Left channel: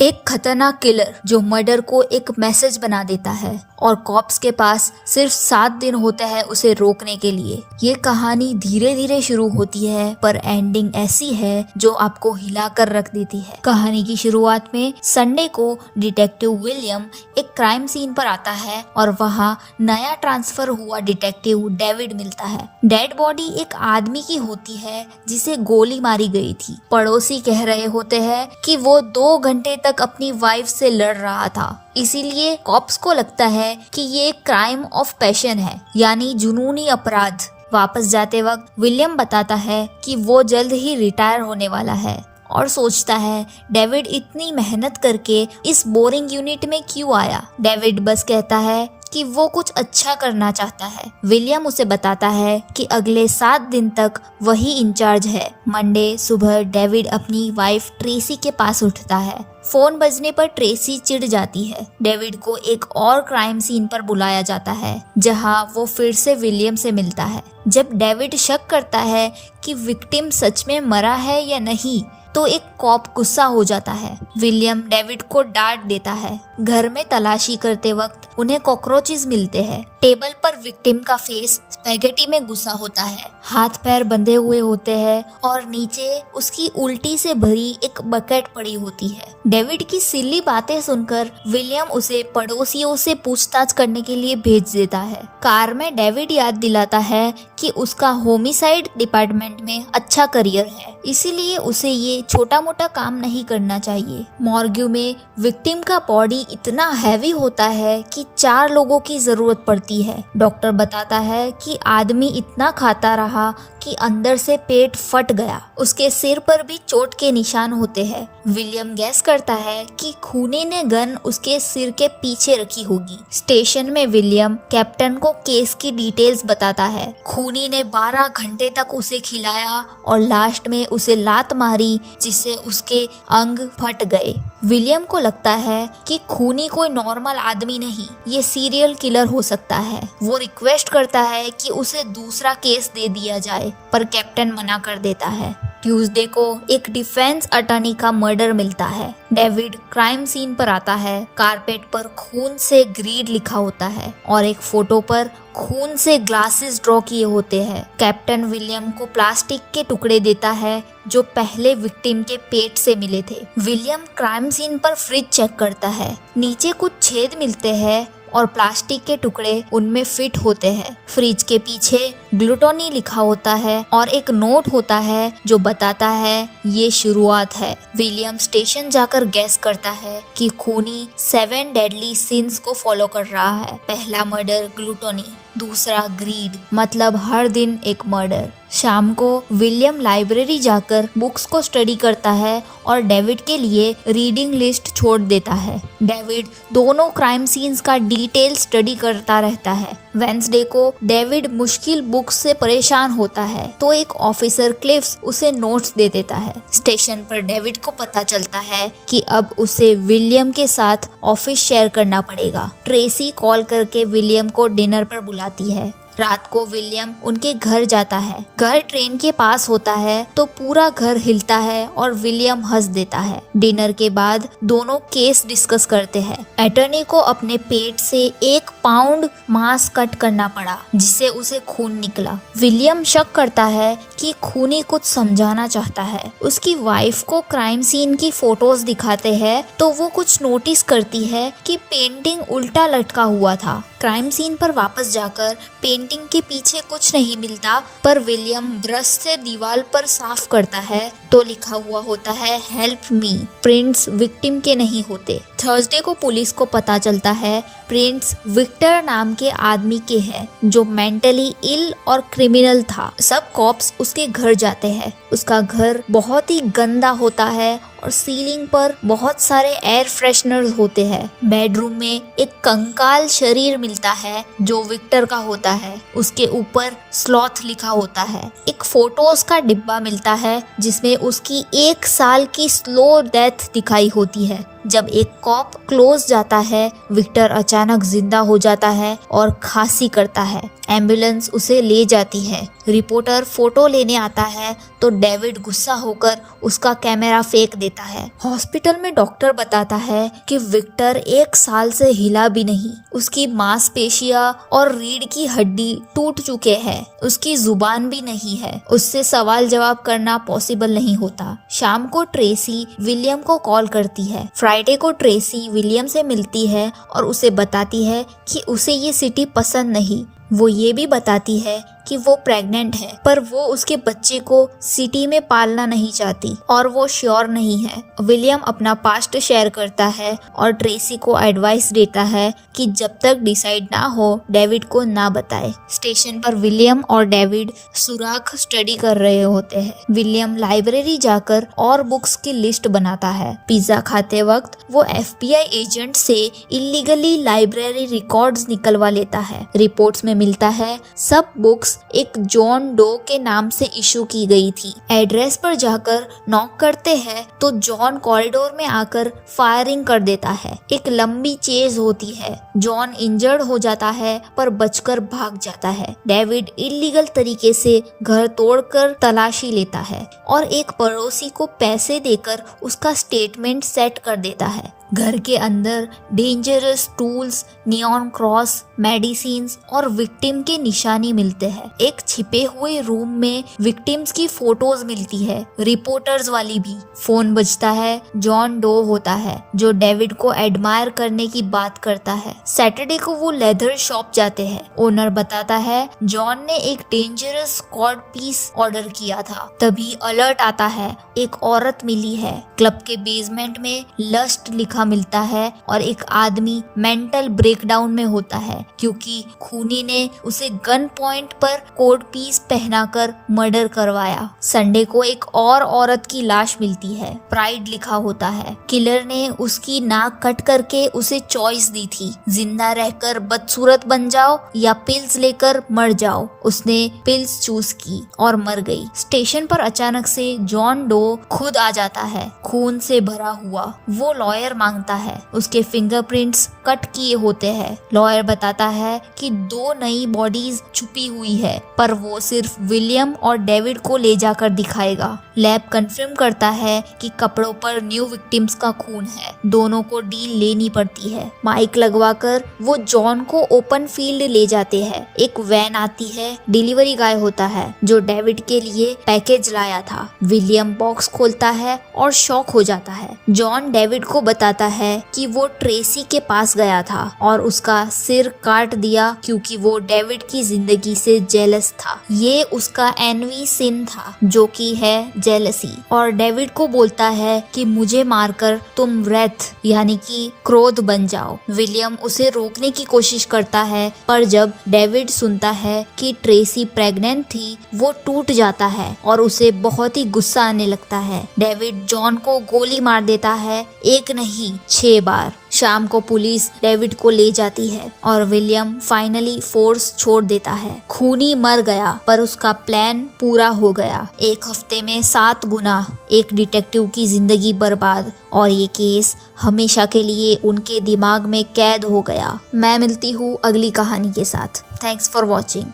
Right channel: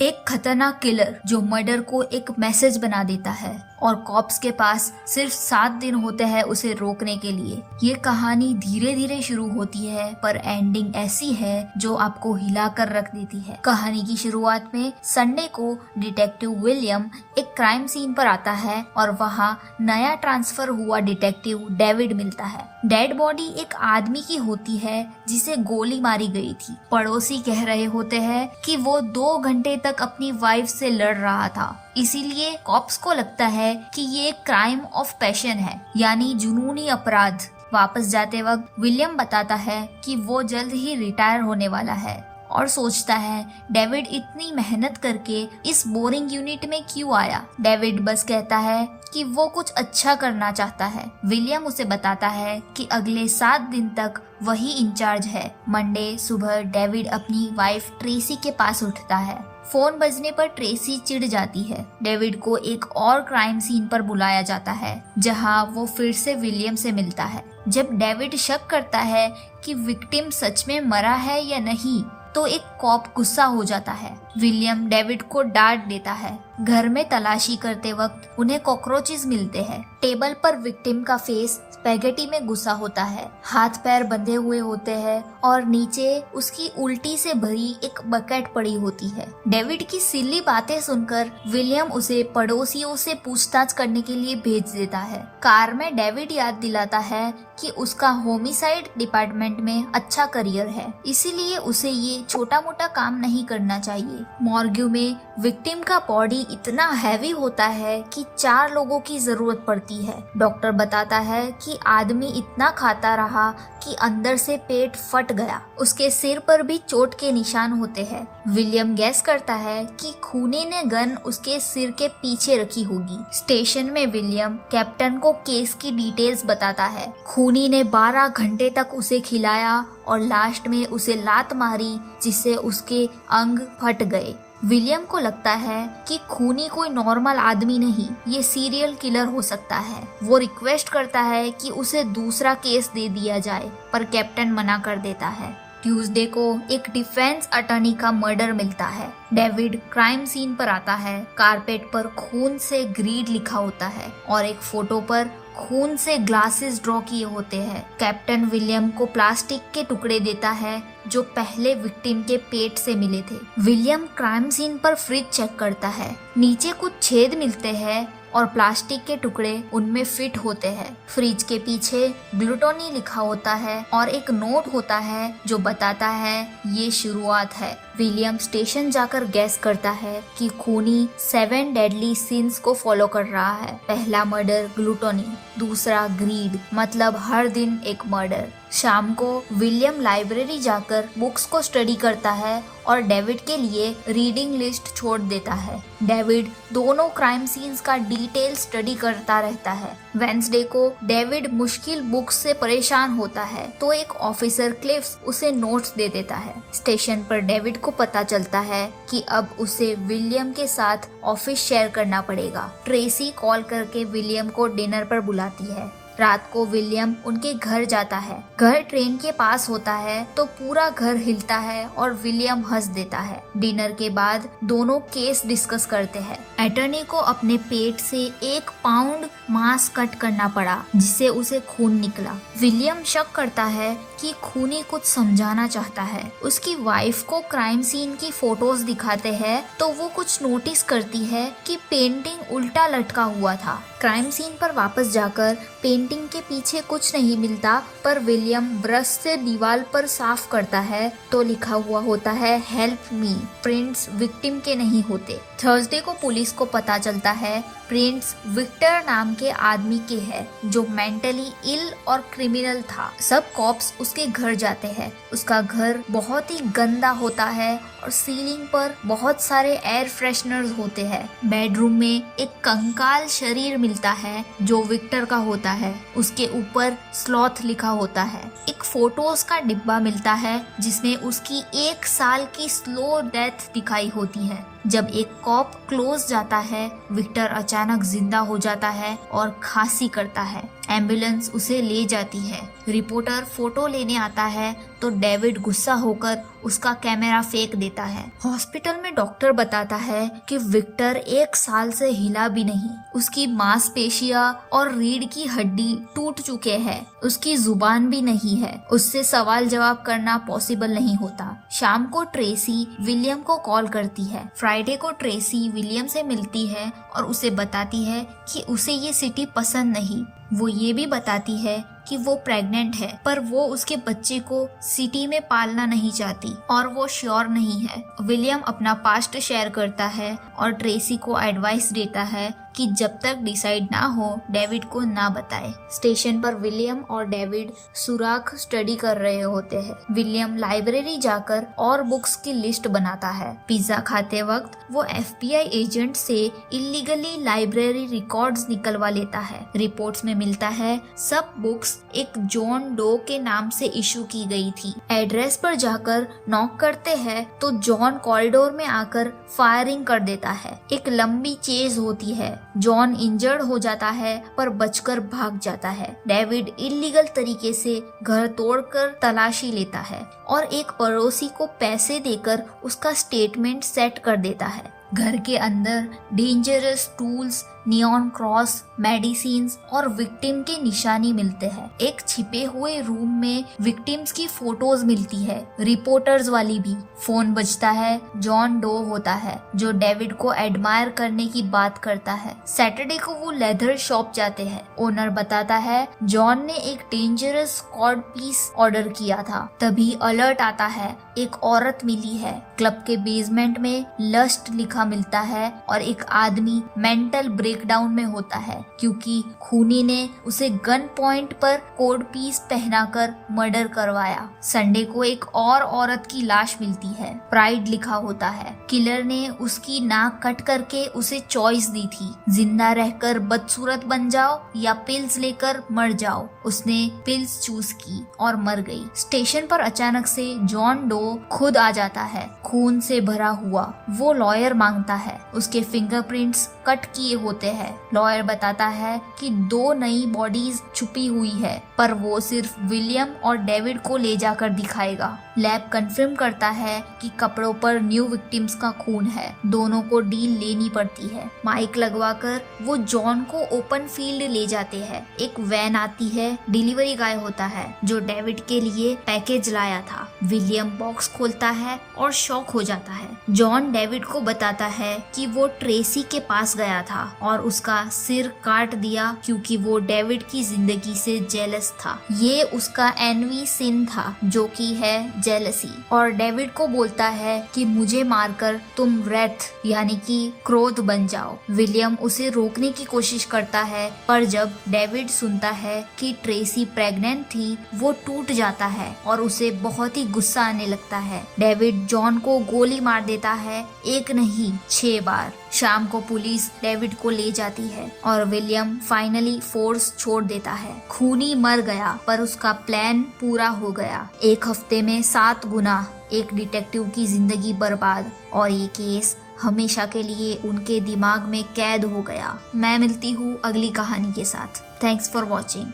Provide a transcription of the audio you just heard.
एक खतरनाक किलर जो मर्डर को एक मैसेज बना देता है और कॉप्स के पास सिर्फ 7 दिन होते हैं उसे रोकने के लिए। ये कहानी धीरे धीरे शुरू होती है पर एंडिंग ऐसी है जो आपको हिलाकर रख देती है। कहानी की शुरुआत में संडे को डिटेक्टिव विलियम एक क्राइम सीन पर आता है और वहाँ नया ट्रांसफर हुआ डिटेक्टिव डेविड मिलता है। डेड बॉडी एक आदमी की होती है जिसे गोली मारी गई थी। पड़ोसी कह रहे होते हैं कि वो 2 घंटे तक अपनी वाइफ से लड़ रहा था, इसीलिए कॉप्स को लगता है कि ये क्राइम ऑफ पैशन है, यानी जुनूनी अपराध। वापस जाते वक्त विलियम बताता है कि वो जल्द ही रिटायर होने वाला है और सोचता है डेविड इतनी मेहनत करके इस बोरिंग यूनिट में क्यों आया। डेविड बस कहता है कि वो कुछ अच्छा करना चाहता है। विलियम उसे बताता है कि अगले 7 दिन तक वही इंचार्ज है। मंडे सुबह डेविड अपनी वाइफ ट्रेसी के पास उठता है। फोन बजने पर ट्रेसी चिढ़ जाती है। डेविड को एक और क्राइम सीन पर बुलाया जाता है जहां वो फिर से विलियम से मिलता है। जब डेविड शक करता है कि विक्टिम सच में मरा है या नहीं तो एक कॉप गुस्सा हो जाता है। विलियम डेविड को डांट देता है। घर में तलाशी करते वक्त उन्हें कॉकरोचेस मिलते हैं। टेबल पर विक्टिम का फेस स्पैगेटी में घुसा होता है, हाथ पैर बंधे हुए होते हैं और नीचे उसकी उल्टी से भरी एक बकेट पड़ी होती है। डेविड की सिली बातें सुनकर विलियम उसे पड़ोसियों से पूछताछ करने के लिए भेज देता है। कार में डेविड याद दिलाता है कि उसका होमिसाइड डिपार्टमेंट में अच्छा करियर है, इसीलिए उसे ये छोटा मोटा काम नहीं करना चाहिए। मॉर्ग्यू में विक्टिम का बॉडी इतना हैवी होता है कि 4 लोगों की जरूरत पड़ती है। डॉक्टर बताता है कि आदमी इतना खाता रहा कि अंदर से पेट फट गया। उसके सिर पर भी चोट के निशान होते हैं। विलियम गैस करता है कि खूनी ने गन उसके सिर के पीछे रखी होगी। स्टेशन में विलियम कैप्टन को केस की डिटेल्स बताता है। खूनी ने 12 घंटे तक उसे खिलाया और लास्ट में उसे लात मारी जिससे उसके अंग फट गए। विलियम को लगता है कि खूनी कोई नॉर्मल आदमी नहीं, ये सीरियल किलर हो सकता है। वो रिक्वेस्ट करता है कि उसे दूसरा केस दे दिया जाए पर कैप्टन मना कर देता है। ट्यूसडे को एक डिफेंस अटॉर्नी का मर्डर मिलता है। डेविड क्राइम सीन पर आता है। कारपेट पर खून से ग्रीड लिखा होता है और एक फोटो पर खून से ग्लासेस ड्रॉ किए होते हैं। कैप्टन विलियम को प्लास्टिक के टुकड़े देता है जो पहले विक्टिम के पेट से मिले थे। विलियम क्राइम सीन पर फ्रिज चेक करता है। नीचे कुछ छेद मिलते हैं और प्लास्टिक के टुकड़े उनमें फिट होते हैं। फ्रिज के पीछे ग्लूटोनी लिखा होता है और एक नोट होता है जो बताता है ये शुरुआत है। विलियम स्टेशन जाकर गैस करता है कि खूनी 7 डेडली सिंस को फॉलो कर रहा है। पहला मर्डर ग्लूटोनी, दूसरा ग्रीड, मतलब हर दिन एक मर्डर। शाम को विलियम लाइब्रेरी जाकर बुक्स को स्टडी करता है और डेविड के लिए रीडिंग लिस्ट छोड़ देता है। डेविड दोनों क्राइम सीन्स का डिटेल स्टडी करता रहता है। वेंसडे को डेविड मुश्किल बुक्स से परेशान होता है तो एक ऑफिसर क्लिफ्स उसे नोट्स दे देता है। स्टेशन पर डेविड को पता चलता है कि अब उसे विलियम के साथ ऑफिस शेयर करना पड़ेगा। ट्रेसी कॉल करके विलियम को डिनर पर बुलाती है। रात को विलियम उनके घर जाता है। घर ट्रेन के पास होता है तो पूरा घर हिलता है और विलियम हंस देता है। डिनर के बाद दोनों केस डिस्कस करते हैं। अटॉर्नी को अपने पेट से 1 पाउंड मांस कट करना पड़ा जिससे उसे खून निकला। विलियम शक करता है कि खूनी कुछ समझाना चाहता है। उसकी वाइफ को क्राइम सीन की फोटोज दिखाते हैं तो वो कुछ नोटिस करती है कि पेंटिंग उल्टा लटका हुआ था। क्राइम सीन पर वापस जाकर पेंटिंग के पीछे कुछ नहीं मिलता पर विलियम ब्रश से दीवार पर साफ करता है तो लिखा हुआ होता है हेल्प मी। प्रिंट्स विक्टिम के नहीं होते। थर्सडे को पुलिस को पता चलता है प्रिंट्स विक्टर नाम के आदमी के हैं जो मेंटली इल और क्रिमिनल था। सब कॉप्स उसके घर जाते हैं। उसका घर बहुत ही गंदा होता है और सीलिंग पर बहुत सारे एयर फ्रेशनर्स होते हैं। बेडरूम में एक कंकाल शरीर मिलता है जो विक्टर का होता है। उसके ऊपर स्लॉथ लिखा होता है। एक फोटोज का डिब्बा मिलता है जिसमें उसकी 1 साल की स्लो डेथ दिखाई होती है। जब एक कॉप क्लोज जाता है, विक्टर अचानक जिंदा हो जाता है और खांसी करता है। एम्बुलेंस उसे ले जाती है। रिपोर्टर फोटो लेने आता है तो डेविड गुस्सा होकर उसका कैमरा फेंक देता है। हॉस्पिटल में डॉक्टर बताता है कि विक्टर 1 साल से हिला भी नहीं। उसकी मांसपेशियां और रीढ़ की हड्डी टूट चुके हैं। उसकी जुबान भी नहीं है। उससे सवाल जवाब करना पॉसिबल नहीं होता। शाम को ट्रेसी विलियम को कॉल करती है। फ्राइडे को ट्रेसी विलियम से मिलती है और उसे बताती है कि उसे ये सिटी पसंद नहीं। वो ये भी बताती है कि वो प्रेग्नेंट है, पर वो उसके बच्चे को सिटी में पालना नहीं चाहती और वो श्योर नहीं है। विलियम अपना पास्ट शेयर करता है और ट्रेसी को एडवाइस देता है कि जब तक डिसाइड ना हो डेविड को ना बताए। स्टेशन पर विलियम और डेविड सुराख स्टडी कर रहे होते हैं। विलियम लाइब्रेरी जाकर और बुक्स की लिस्ट बनाता है। पिज्जा खाते वक्त वो FBI एजेंट से इलीगली लाइब्रेरी रिकॉर्ड्स निकलवा लेता है। रिपोर्ट्स में मिलता है सब बुक्स एक जॉन डो के नाम से इशू की गई थी। एड्रेस पर जाकर नॉक करते हैं तो जॉन कॉरिडोर में आकर फायरिंग कर देता है। एक लंबी चेज होती है। जॉन इंजर्ड हो जाता है पर बचकर भाग जाता है। डेविड इलीगल तरीके से घर तोड़कर तलाशी लेता है और एक पड़ोसी को पैसे देकर उसका स्टेटमेंट सेट कर देता है। घर के अंदर dangerous tools, neon cross, medicines और विक्टिम के निशानी मिलते हैं। एक छिपे हुए रूम में विक्टिम्स की फोटोज मिलती है, रिपोर्टर्स वाली भी। फोन बजता है। जॉन डो होता है जो डेविड को एडमायर करने की बात करता है। सैटरडे को वो लेदर शॉप जाते हैं। ओनर बताता है जॉन ने एक डेंजरस कॉर्ड पीस ऑर्डर किया था। तभी अलर्ट आता है, एक औरत मिली है। क्लब के बेसमेंट में लस्ट लिखा मिलता है और एक आदमी मेंटल ब्रेकडाउन में होता है क्योंकि खूनी ने उसे गन पॉइंट पर कोड पीस पहनाकर मर्डर करवाया। संडे को एक और औरत की लाश मिलती है। प्राइड लिखा होता है। किलर ने उसकी नाक कट करके उसे चॉइस दी थी, जिंदा रहकर बदसूरत बन जाओ या पिल्स लेकर मर जाओ। उसने पिल्स चूज की और मर गई। स्टेशन पर अचानक से जॉन डो खुद आ जाता है, खून से भरा हुआ। वो लॉयर मांगता है। उसके फिंगरप्रिंट्स कट किए होते हैं। लॉयर बताता है कि 2 नई बॉडीज छुपी हुई है, पर वो सिर्फ विलियम और डेविड को ले जाकर दिखाएगा। लैब कंफर्म करता है कि कपड़ों पर न्यू विक्टिम्स का खून है। दोनों को डील लेनी पड़ती है। माइक लगवाकर वो जॉन को ओपन फील्ड ले जाते हैं। एक वैन आती है। डिलीवरी गाय होता है जो डेविड के लिए पैकेज लाया था। विलियम बॉक्स खोलता है और शॉक हो जाता है। जॉन डेविड को बताता है कि वो ट्रेसी के पास गया था और उसका सिर काट दिया क्योंकि वो डेविड की जिंदगी से जेलस था। ये उसका एनवी सिन था जो कि है जेलसी। और डेविड को बोलता है कि मुझे मारकर तुम रेथ यानी कि क्रोध बन जाओ। विलियम उसे रोकने की कोशिश करता है पर जब डेविड सुनता है कि ट्रेसी प्रेग्नेंट थी वो टूट जाता है और उसे बहुत ही गुस्सा आने लगता है। डेविड जॉन को गोली मार देता है, एक नहीं 6 बार। शाम को पुलिस डेविड को ले जाती है और विलियम फाइनली फोर्स छोड़ देता है। खूनी मर गया पर उसका प्लान पूरा हो गया। 1 हफ्ते में 7 गुना, एक डिटेक्टिव की जिंदगी बर्बाद और ये केस हमेशा के लिए उनके दिमाग में कैद हो गया। मैं मिलती हूँ अगली कहानी के साथ। Thanks for watching.